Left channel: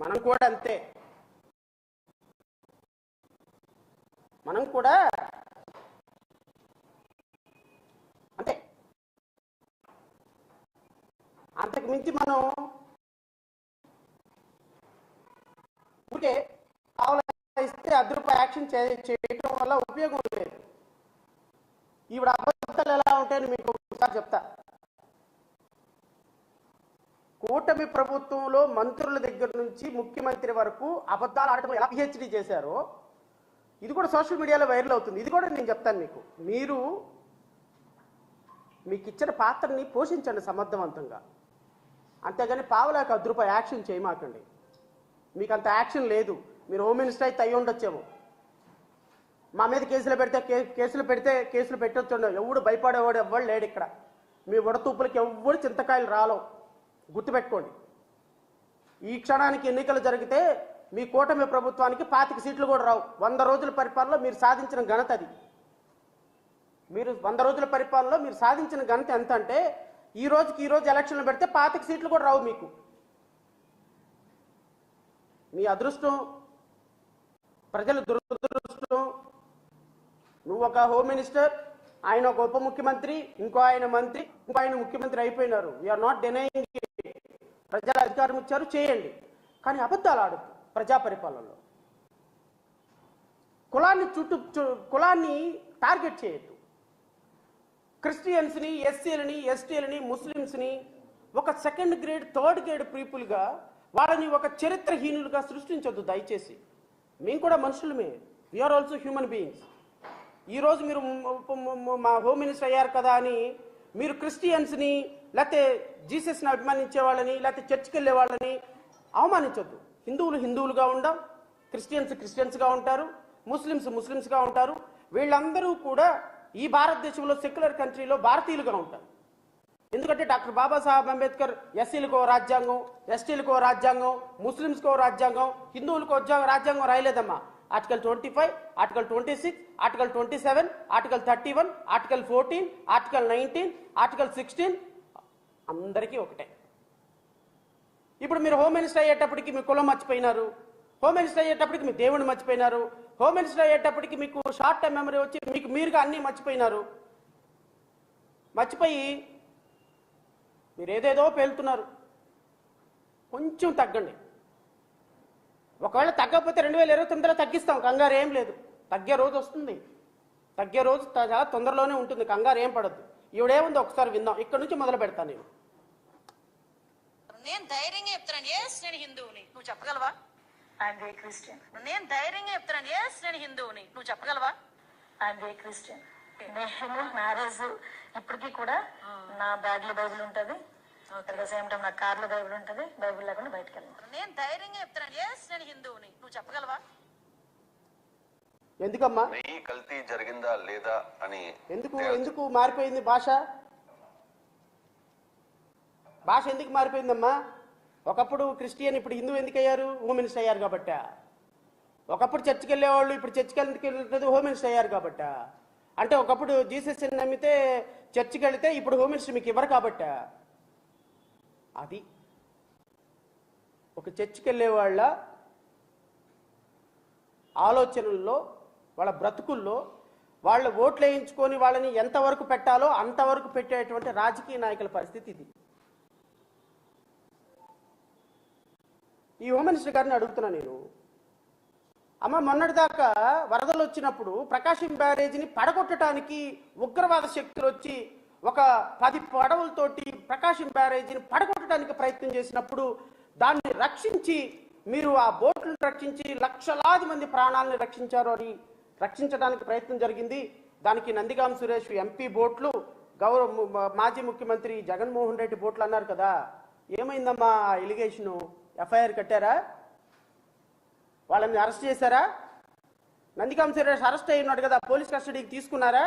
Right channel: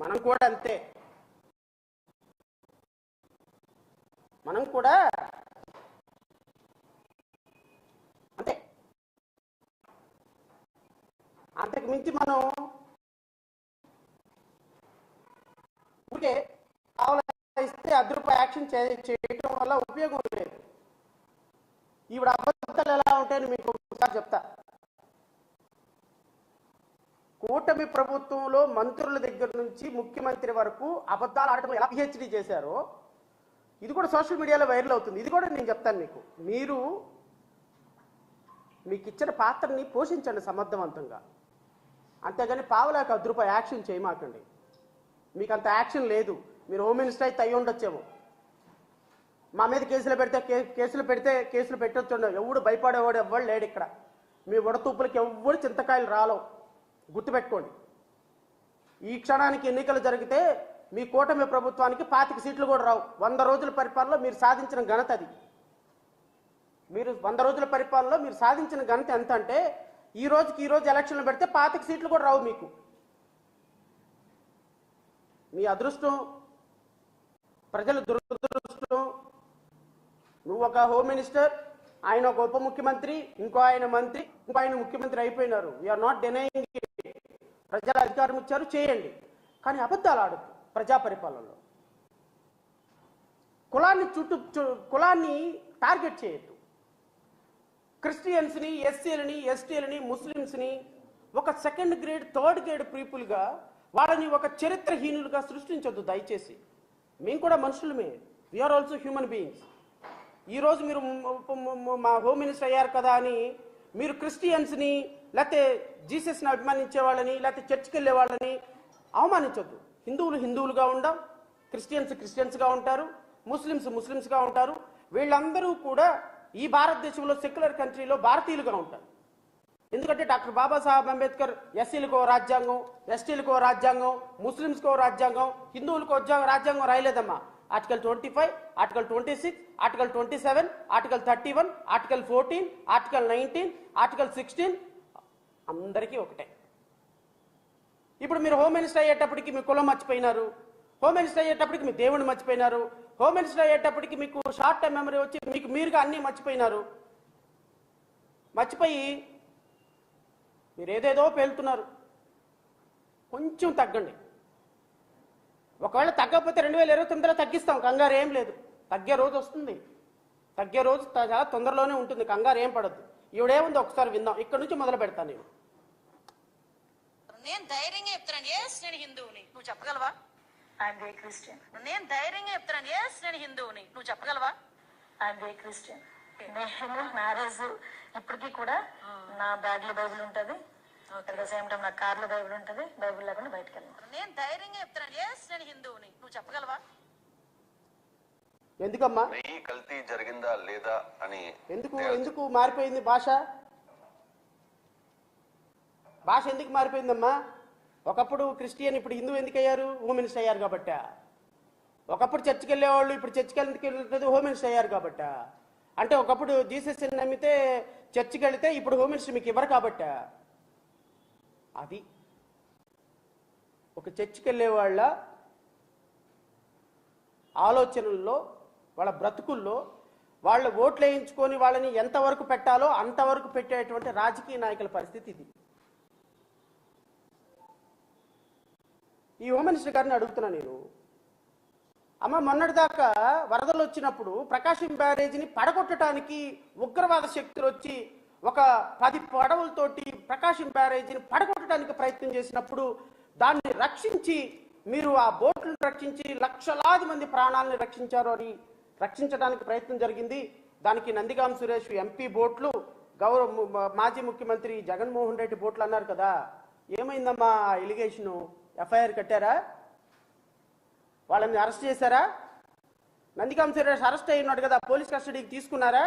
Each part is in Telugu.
మనం కూడా అంతే. మనం కూడా అంతే. అంతకు మించి మనం ఇస్తే అదృప యాక్షన్ చేయడం వల్ల ఉపయోగం లేదు. ఈవిడ అబద్ధాలు ఎలా ఉంటాయని మీకు ఒకసారి చెప్తా. కూటమి ప్రభుత్వంలో మంత్రుల దగ్గర నుంచి ముఖ్యమంత్రి వరకు అబద్ధాలు ఆడటం ఎలా పిహెచ్డీ చేశారో ఇది కూడా సోషల్ మీడియాలో వైరల్ అవుతుంది. ఇది కూడా నేను చెప్తాను మీకు. మీకు ఇచ్చిన పాత్రని పోషించండి సమర్థవంతంగా, అంతేగాని పావలాకి అదృప యాక్షన్ చేయమాకండి. మీకు అంత యాక్షన్ లేదు. మీరు హోమ్ మినిస్టర్ అయితే అయ్యి ఉండొచ్చేమో. మా మీద కేసులు పెట్టొచ్చు. ఎవడు భయపడేవాడు ఎవ్వడు లేడు ఇక్కడ. మీ వడతూపులకి ఎవ్వడు చింతకాయలు రాలవు, గుర్తుపెట్టుకోండి. ఈ క్షణానికి ఎన్నికలు జరిగితే మీ కూటమి ప్రభుత్వానికి 25 సీట్లు కూడా రావు. 100 రోజుల పరిపాలనలో మీరు సాధించిన ఘనత అది. మీరు 100 రోజుల పరిపాలనలో మీరు సాధించిన ఘనత ఎంత అంటే ఈ రోజు ఎలక్షన్లు పెడితే 25 సీట్లు కూడా రావు మీకు. మీ అదృష్టం, ప్రజల దురదృష్టం. నువ్వు ఒక హోమ్ మినిస్టర్, ఆయన ఒక ఉప ముఖ్యమంత్రి, ఇంకో ఆయన మంత్రి, ఇంకో ఆయన ముఖ్యమంత్రి అయిపోయినారు. We are not denying. ప్రజల అధికారం ఇచ్చారు, చేయండి. కానీ అబద్ధాలు ఆడద్దు ప్రజా పరిపాలనలో. కులాన్ని టార్గెట్ చేయొద్దు. క్రిస్టియన్స్ని, ఎస్సీలని, ఎస్టీలని, ముస్లిమ్స్ని ఒక సెకండ్ గ్రేడ్, థర్డ్ గ్రేడ్ పీపుల్గా, వాళ్ళని ఒక చరిత్రహీనులుగా సృష్టించొద్దు దయచేసి. మేము కూడా మనుషులమే. We are also human beings. ఈరోజు మీరు మా హోమ్ మినిస్టర్ అయ్యారు కదా అని మీరు క్రిస్టియన్స్ని, లేకపోతే జీసస్ని అభిమానించే వాళ్ళని, లేకపోతే చర్చికి వెళ్ళే వాళ్ళని అవమానించొద్దు. హిందువులుగా ఉండం, క్రిస్టియన్స్గా ఉంటారు, ముస్లిమ్స్గా ఉంటారు. వీళ్ళందరూ కూడా ఈ భారతదేశంలో సెక్యులర్ కంట్రీలో భారతీయులుగా ఉంటారు. ఎందుకంటే డాక్టర్ బాబాసాహెబ్ అంబేద్కర్ ఎస్సీలకో రాజ్యాంగం, ఎస్టీలకో రాజ్యాంగం, ముస్లిమ్స్కో రాజ్యాంగం, హిందువులకో రాజ్యాంగం రాయలేదమ్మా. Article 25, article 26, article 27, article 31, article 14, article 19, article 16 అందరికీ ఒకటే. ఇప్పుడు మీరు హోమ్ మినిస్టర్ అయ్యేటప్పటికి మీ కులం మర్చిపోయినారు, హోమ్ మినిస్టర్ అయ్యేటప్పటికి మీ దేవుడిని మర్చిపోయినారు, హోమ్ మినిస్టర్ అయ్యేటప్పటికి మీకు షార్ట్ టైం మెమరీ వచ్చి మీకు మీరుగా అన్నీ మర్చిపోయినారు. మర్చిపోయి మీరు ఏదేదో పేలుతున్నారు. కొంచెం తగ్గండి. ఒకవేళ తగ్గకపోతే 2029లో తగ్గిస్తాం, కంగారు ఏం లేదు. తగ్గే రోజు వస్తుంది, తగ్గే రోజు చాలా తొందరలోనే ఉంటుంది, కంగారు ఏం పడద్దు. ఈవిడేముందో ఒకసారి విందాం. ఇక్కడ నుంచి మొదలు పెడతాను నేను ధైర్యంగా చెప్తాను, ఎస్ నేను హిందువుని, నువ్వు చెప్పగలవా? I'm very Christian. నేను ధైర్యంగా చెప్తాను, ఎస్ నేను హిందువుని, నువ్వు చెప్పగలవా? I'm very Christian. నేను మ్యారేజ్ ఇప్పటికీ కూడా నా బ్యాగ్ లో బైబిల్ ఉంటుంది, సేమ్ టైం నా కార్ లో బైబిల్ ఉంటుంది. బైబిల్ లేకుండా బయటకు వెళ్ళాను. నేను ధైర్యంగా చెప్తాను, ఎస్ నేను హిందువుని, నువ్వు చెప్పగలవా? ఎందుకమ్మా కల్తీ జరిగిందా లేదా అని ఎందుకు మారిపోయింది భాష ఎందుకు మారిపోయిందమ్మా? ఒకప్పుడు క్రిస్టియన్, ఇప్పుడు హిందూ ఎందుకు అయ్యారు? హోమ్ మినిస్టర్ అయ్యారు కాబట్టి. ఒకప్పుడు చర్చికి వెళ్ళేవాళ్ళు, ఇప్పుడు చర్చికి వెళ్ళలేదు, హోమ్ మినిస్టర్ అయ్యారు కాబట్టి. అంటే ఒకప్పుడు జీసస్ నమ్మితే చర్చికి వెళితే ఇప్పుడు హోమ్ మినిస్టర్ మీకు ఇవ్వరు కాబట్టి. అది ఒక చర్చికి వెళ్ళే వాళ్ళ ఆలోచనల్లో, వాళ్ళ బ్రతుకుల్లో, వాళ్ళు ఓట్లు వేయించుకొని వాళ్ళని ఎంతవరకు పెట్టాలో అంతవరకు పెట్టేటువంటి రాజకీయ నాయకుల పరిస్థితి ఇది. ఈ హోమ్ మినిస్టర్ గారిని అడుగుతున్నా నేను, అమ్మ మొన్నటిదాకా వరదలు వచ్చినప్పుడు ప్రకాశం బ్యారేజీని పడగొట్టడానికి ఉగ్రవాద శక్తులు వచ్చి ఒక 10 పడవలతోటి ప్రకాశం బ్యారేజీని పడగొట్టడానికి ప్రయత్నం చేసినప్పుడు దాన్ని రక్షించి, మీరు ఆ బోట్లను రక్షించి లక్షలాది మంది ప్రాణాలను రక్షించారు అని రక్షించడానికి ప్రయత్నం జరిగింది. దానికి నందిగాం సురేష్ ఎంపీ బోట్లు, మాజీ ముఖ్యమంత్రి జగన్మోహన్ రెడ్డి బోట్లు అన్నారు కదా. ఏమైందమ్మా ఎలిగేషను? ఎఫ్ఐఆర్ కట్టారా? వాళ్ళని అరెస్ట్ చేశారా? నందిగాం సురేష్ అరెస్ట్ అయి ఉన్నాడు కదా, పోలీస్ కస్టడీకి తీసుకున్నారా?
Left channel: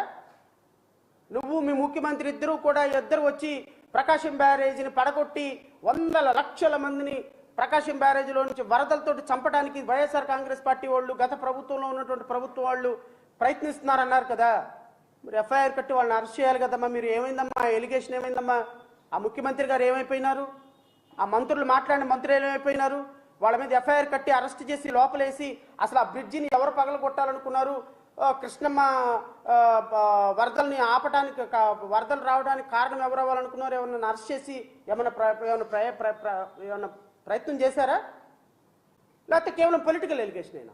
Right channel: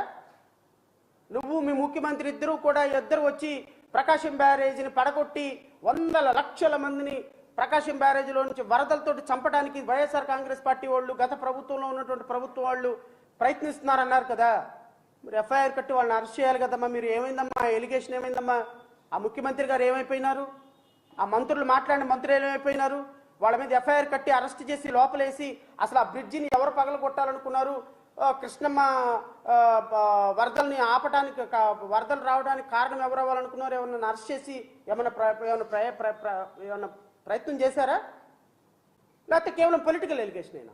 నువ్వు మీ ముఖ్యమంత్రి ఇద్దరు వచ్చి ప్రకాశం బ్యారేజీని పడగొట్టి వందల లక్షల మందిని ప్రకాశం బ్యారేజీలో నుంచి వరదలతో చంపడానికి వైఎస్ఆర్ కాంగ్రెస్ పార్టీ వాళ్ళు, గత ప్రభుత్వంలో ఉన్నటువంటి ప్రభుత్వం వాళ్ళు ప్రయత్నిస్తున్నారన్నారు కదా. మరి ఎఫ్ఐఆర్ కట్టి వాళ్ళని అరెస్ట్ చేయాలి కదమ్మా. మీరు ఏమైందమ్మా? ఎలిగేషన్ ఏమైందమ్మా? ఆ ముఖ్యమంత్రి గారు ఏమైపోయినారు? ఆ మంత్రులు మాట్లాడిన మంత్రులు ఏమైపోయినారు? వాళ్ళ మీద ఎఫ్ఐఆర్ కట్టి అరెస్ట్ చేసి లోపలేసి అసలు ఆ బ్రిడ్జిని ఎవరు పగలగొట్టాలనుకున్నారు, కృష్ణమ్మ వరదల్ని ఆపడానికి, వరదలు రావడానికి కారణం ఎవరు అవ్వాలనుకున్నారు, ఏమన్నా అరెస్ట్ చేసి ఏమన్నా ప్రయత్నం చేశారా? లేకపోతే కేవలం పొలిటికల్ ఎలిగేషన్ అయినా?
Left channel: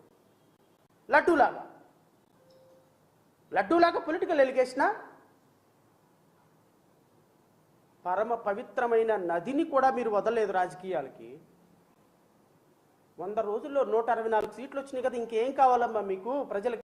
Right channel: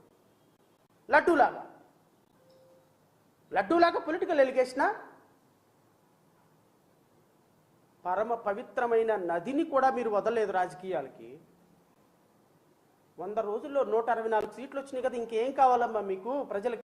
లడ్డూలాగా పొలిటికల్ ఎలిగేషనా? పరమ పవిత్రమైన నదిని కూడా మీరు వదలలేదు రాజకీయాలకి. 100 రోజుల్లో 164 సీట్లు వచ్చినాయి కదా, ఇంకేం కావాలమ్మా మీకు ప్రజలకి?